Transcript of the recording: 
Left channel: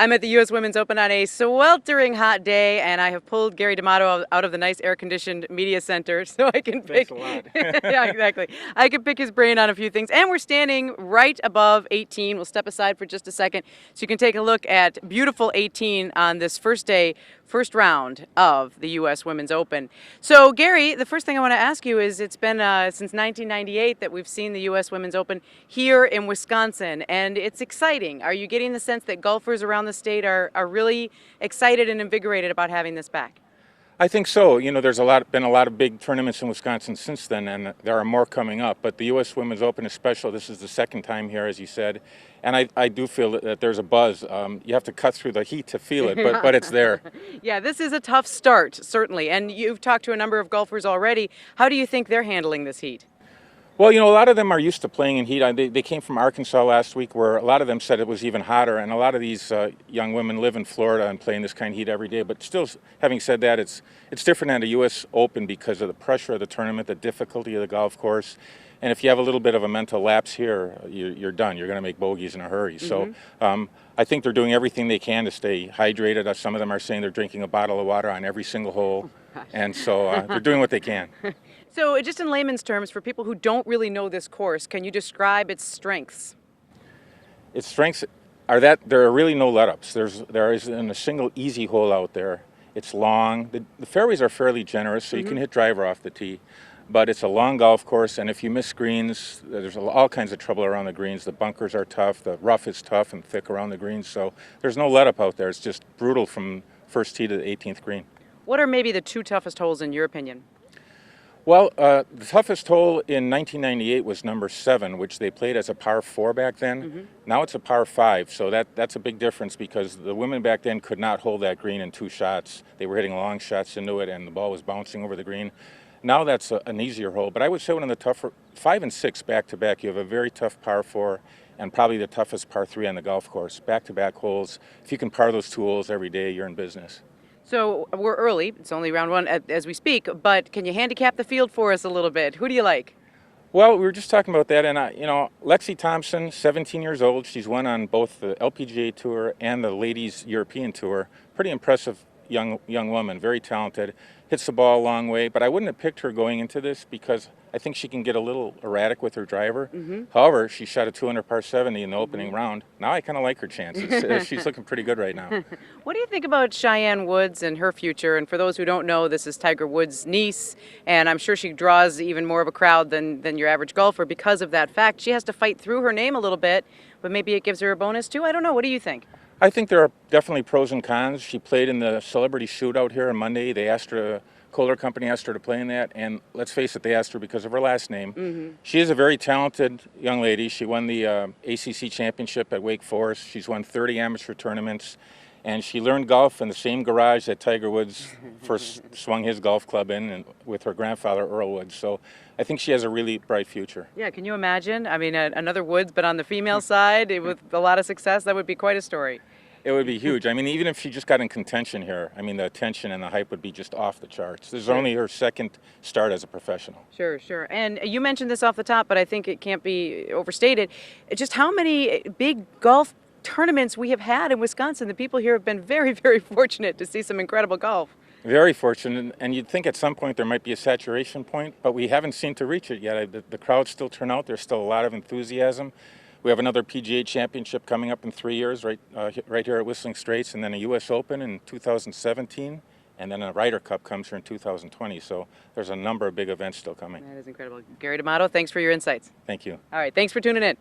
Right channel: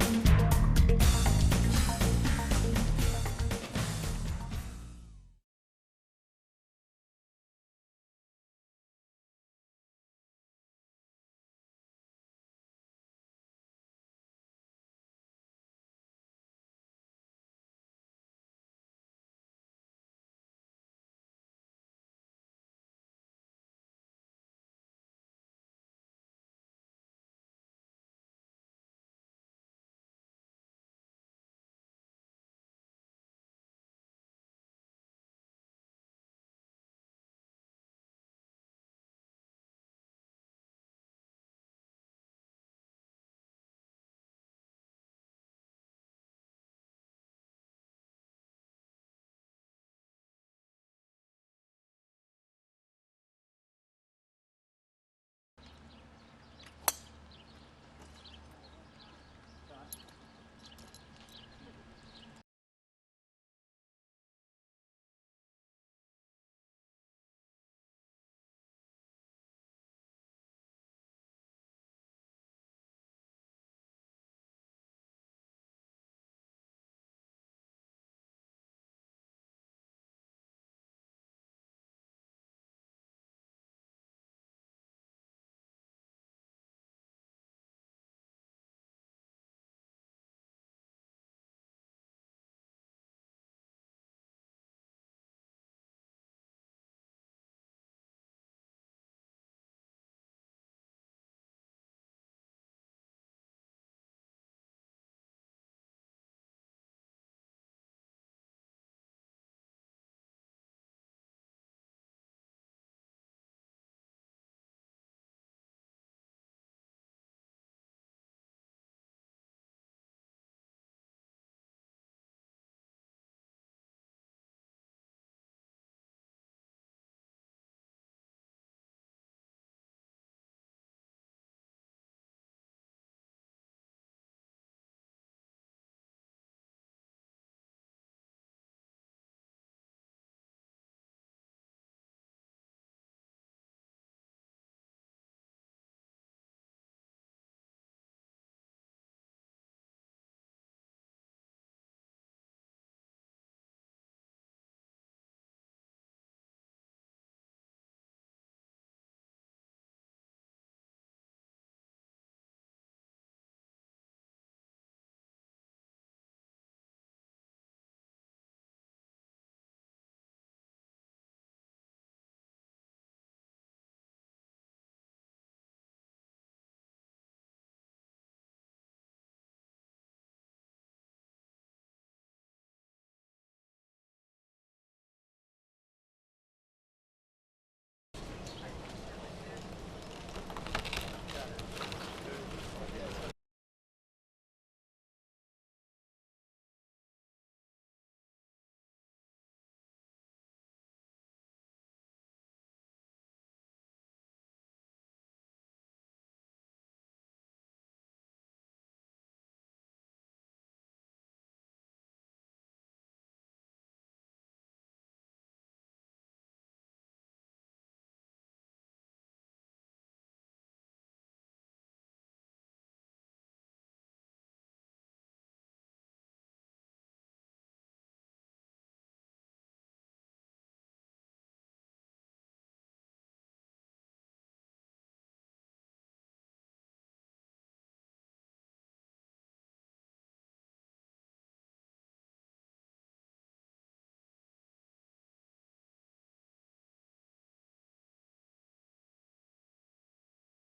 I'm at the U.S. Women's Open on a sweltering hot day, and I have pulled Gary DAmato out of the nice air-conditioned media center so I can pick. Thanks a lot. Yeah, exactly. I can pick his brain on a few things. And we're standing right above 18. We'll step aside for just a second so you can take a look at beautiful 18 on this first day, first round of the U.S. Women's Open. So, Gary, the first thing I want to ask you is it's been since 1998 that we've seen the U.S. Women's Open here in Wisconsin, and it's exciting. Are you getting the sense that golfers around the state are really excited and invigorated about having this back? I think so. You know, there's been a lot of big tournaments in Wisconsin since then, and there are more coming up. But the U.S. Women's Open is special. This is the second time here, as you said, and I do feel that there's a buzz. You have to cut through the heat to feel it, but it's there. Yeah, this is a tough start, certainly. And you've talked to a number of golfers already. How do you think they're handling this heat? Well, you know, a lot of them are used to playing in heat. They came from Arkansas last week, where a lot of them said it was even hotter, and a lot of these young women live in Florida and play in this kind of heat every day. But still, having said that, it's different than the U.S. Open because of the pressure of the tournament, the difficulty of the golf course, and if you have a little bit of a mental lapse here, you're done. You're going to make bogeys in a hurry. So I think they're doing everything they can to stay hydrated. Some of them are saying they're drinking a bottle of water on every single hole, and so they're doing what they can. So just in layman's terms, for people who don't really know this course, can you describe its strengths? Its strengths are that there are really no let-ups. There isn't a single easy hole out there. It's long. The fairways are fairly generous, so you can hit driver off the tee. But it's a long golf course, and if you miss greens, there's all kinds of trouble around the greens. The bunkers are tough. The rough is tough and thick around the greens. So there's no let-up out there. It's just brutal from first tee to the 18th green. What are maybe the two toughest holes in your opinion? Well, the toughest hole in 1998 was number 7, which they played as a par 4 back then. Now it's a par 5, so that's a big difference because the women back then could not hold that green in 2 shots. They were hitting long shots into it, and the ball was bouncing over the green. Now that's an easier hole, but I would say one of the tougher, 5 and 6 back-to-back, you have a very tough par 4 and probably the toughest par 3 on the golf course. Back-to-back holes, if you can par those 2 holes every day, you're in business. So we're early, it's only round 1 as we speak, but can you handicap the field for us a little bit? Who do you like? Well, we were just talking about that, and you know, Lexi Thompson, 17 years old, she's won on both the LPGA Tour and the Ladies European Tour. Pretty impressive young woman, very talented, hits the ball a long way, but I wouldn't have picked her going into this because I think she can get a little erratic with her driver. However, she shot a 200 par 70 in the opening round. Now I kind of like her chances. She's looking pretty good right now. What do you think about Cheyenne Woods and her future? And for those who don't know, this is Tiger Woods' niece, and I'm sure she draws even more of a crowd than your average golfer because of that fact. She has to fight through her name a little bit, but maybe it gives her a bonus too. I don't know. What do you think? I think there are definitely pros and cons. She played in the celebrity shootout here on Monday. They asked her, Kohler company asked her to play in that, and let's face it, they asked her because of her last name. She is a very talented young lady. She won the ACC championship at Wake Forest. She's won 30 amateur tournaments, and she learned golf in the same garage that Tiger Woods first swung his golf club in, and with her grandfather, Earl Woods. So I think she has a really bright future. Yeah, can you imagine? I mean, another Woods, but on the female side, with a lot of success, that would be quite a story. It would be huge. I mean, even if she just got in contention here, I mean, the attention and the hype would be just off the charts. This is only her second start as a professional. Sure. And you mentioned this off the top, but I think it can't be overstated. Just how many big golf tournaments we have had in Wisconsin. The people here have been very, very fortunate to see some incredible golf. Very fortunate, and you'd think at some point there might be a saturation point, but we haven't seemed to reach it yet. The crowds still turn out. There's still a lot of enthusiasm. We have another PGA championship coming up in 3 years, right here at Whistling Straits, and then a U.S. Open in 2017, and then a Ryder Cup comes here in 2020. So there's a number of big events still coming. That is incredible. Gary DAmato, thanks for your insights. Thank you. All right, thanks for tuning in.